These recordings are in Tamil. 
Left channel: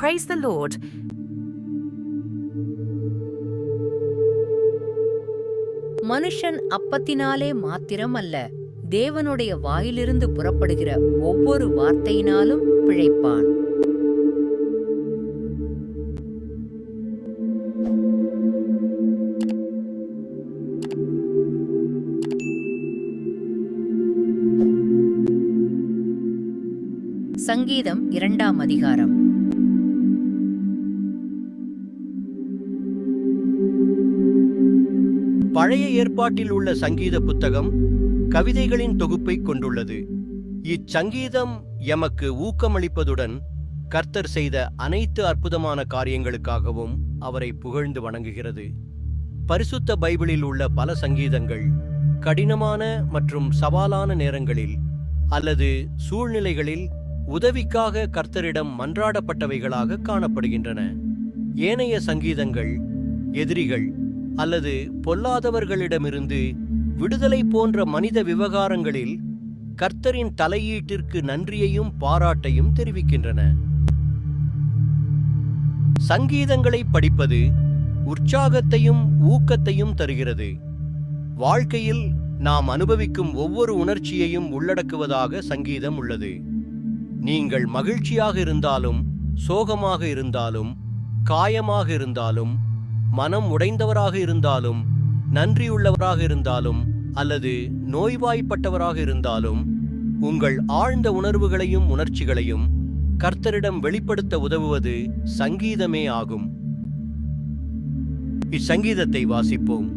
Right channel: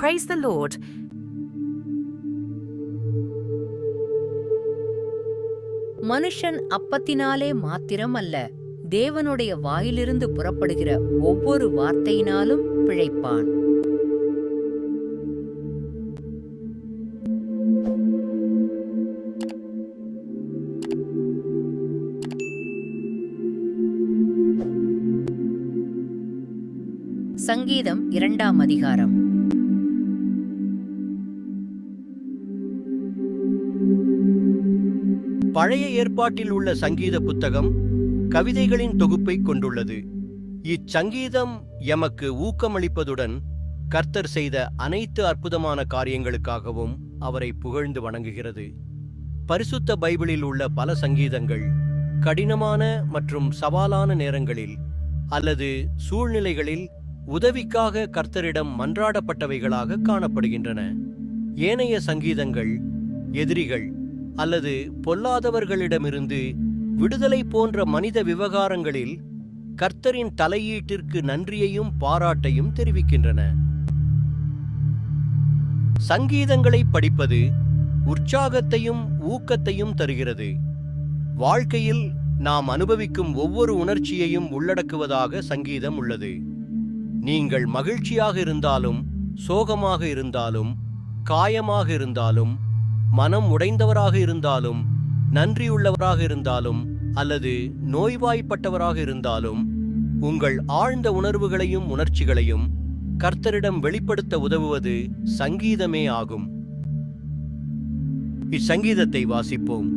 Praise the Lord. மனுஷன் அப்பத்தினாலே மாத்திரம் அல்ல, தேவனுடைய வாயிலிருந்து புறப்படுகிற ஒவ்வொரு வார்த்தையினாலும் பிழைப்பான். சங்கீதம் 2ஆம் அதிகாரம். பழைய ஏற்பாட்டில் உள்ள சங்கீத புத்தகம் கவிதைகளின் தொகுப்பை கொண்டுள்ளது. இச்சங்கீதம் எமக்கு ஊக்கமளிப்பதுடன் கர்த்தர் செய்த அனைத்து அற்புதமான காரியங்களுக்காகவும் அவரை புகழ்ந்து வணங்குகிறது. பரிசுத்த பைபிளில் உள்ள பல சங்கீதங்கள் கடினமான மற்றும் சவாலான நேரங்களில் அல்லது சூழ்நிலைகளில் உதவிக்காக கர்த்தரிடம் மன்றாடப்பட்டவைகளாக காணப்படுகின்றன. ஏனைய சங்கீதங்கள் எதிரிகள் அல்லது பொல்லாதவர்களிடமிருந்து விடுதலை போன்ற மனித விவகாரங்களில் கர்த்தரின் தலையீட்டிற்கு நன்றியையும் பாராட்டையும் தெரிவிக்கின்றன. சங்கீதங்களை படிப்பது உற்சாகத்தையும் ஊக்கத்தையும் தருகிறது. வாழ்க்கையில் நாம் அனுபவிக்கும் ஒவ்வொரு உணர்ச்சியையும் உள்ளடக்குவதாக சங்கீதம் உள்ளது. நீங்கள் மகிழ்ச்சியாக இருந்தாலும், சோகமாக இருந்தாலும், காயமாக இருந்தாலும், மனம் உடைந்தவராக இருந்தாலும், நன்றியுள்ளவராக இருந்தாலும் அல்லது நோய்வாய்ப்பட்டவராக இருந்தாலும், உங்கள் ஆழ்ந்த உணர்வுகளையும் உணர்ச்சிகளையும் கர்த்தரிடம் வெளிப்படுத்த உதவுவது சங்கீதமே ஆகும். இச்சங்கீதத்தை வாசிப்போம்.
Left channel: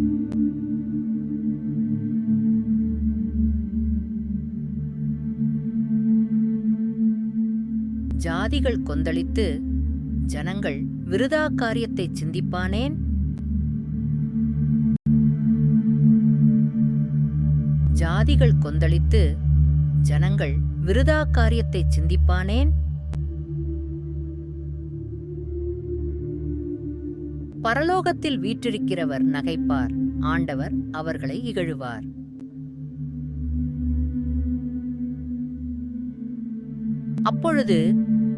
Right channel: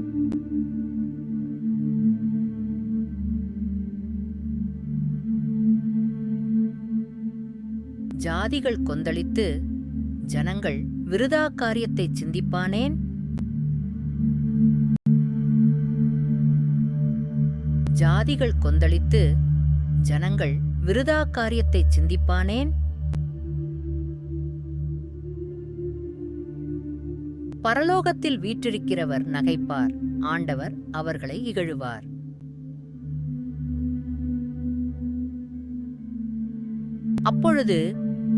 ஜாதிகள் கொந்தளித்து ஜனங்கள் விருதா காரியத்தை சிந்திப்பானேன்? ஜாதிகள் கொந்தளித்து ஜனங்கள் விருதா காரியத்தை சிந்திப்பானேன்? பரலோகத்தில் வீற்றிருக்கிறவர் நகைப்பார், ஆண்டவர் அவர்களை இகழுவார். அப்பொழுது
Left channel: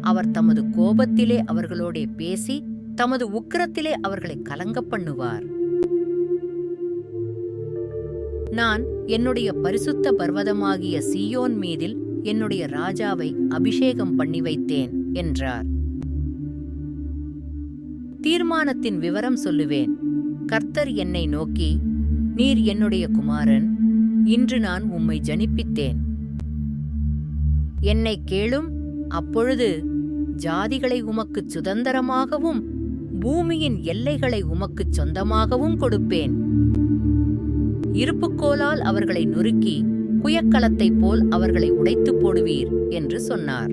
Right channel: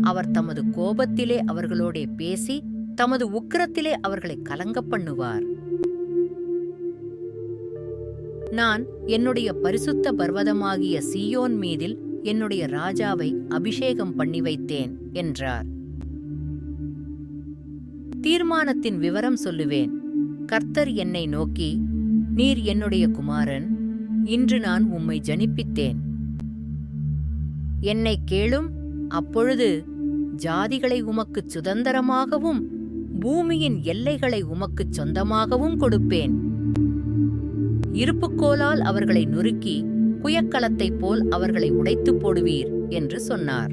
அவர் தமது கோபத்திலே அவர்களோடே பேசி தமது உக்கிரத்திலே அவர்களை கலங்க பண்ணுவார். நான் என்னுடைய பரிசுத்த பர்வதமாகிய சீயோன் மீதில் என்னுடைய ராஜாவை அபிஷேகம் பண்ணி வைத்தேன் என்றார். தீர்மானத்தின் விவரம் சொல்லுவேன். கர்த்தர் என்னை நோக்கி, நீர் என்னுடைய குமாரன், இன்று நான் உம்மை ஜனிப்பித்தேன். என்னை கேளும், அப்பொழுது ஜாதிகளை உமக்குச் சுதந்தரமாகவும் பூமியின் எல்லைகளை உமக்குச் சொந்தமாகவும் கொடுப்பேன். இருப்புக்கோலால் அவர்களை நொறுக்கி குயக்கலத்தைப் போல் அவர்களை உடைத்துப் போடுவீர் என்று சொன்னார்.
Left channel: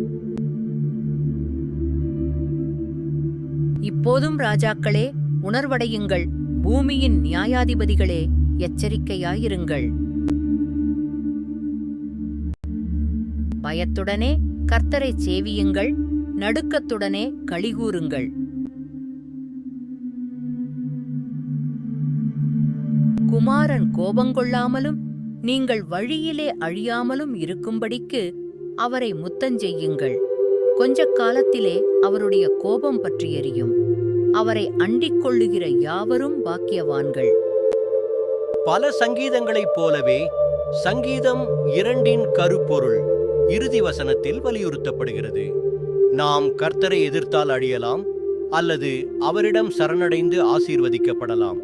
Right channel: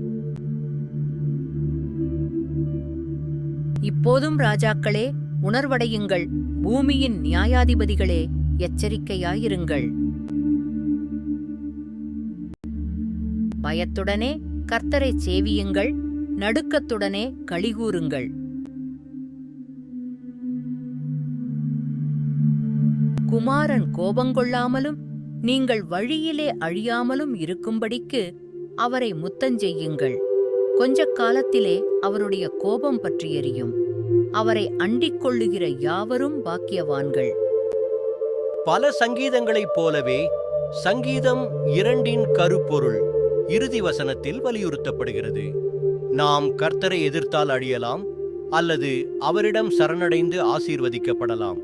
இப்போதும் ராஜாக்களே, உணர்வடையுங்கள். பூமியின் நியாயாதிபதிகளே, எச்சரிக்கையாயிருங்கள். பயத்துடனே கர்த்தரை சேவியுங்கள், நடுக்கத்துடனே களிகூருங்கள். குமாரன் கோபங்கொள்ளாமலும் நீங்கள் வழியிலே அழியாமலும் இருக்கும்படிக்கு அவரை முத்தஞ்செய்யுங்கள். கொஞ்ச காலத்திலே அவருடைய கோபம் பற்றி எரியும். அவரை அண்டிக் கொள்ளுகிற யாவரும் பாக்கியவான்கள். பல சங்கீதங்களைப் போலவே சங்கீதம் 2 கருப்பொருள் இறுதி வசனத்தில் வலியுறுத்தப்படுகிறது. நாம் கர்த்தரை எதிர்த்தால் அழியலாம் அல்லது அவரிடம் சரணடைந்து ஆசீர்வதிக்கப்படலாம்.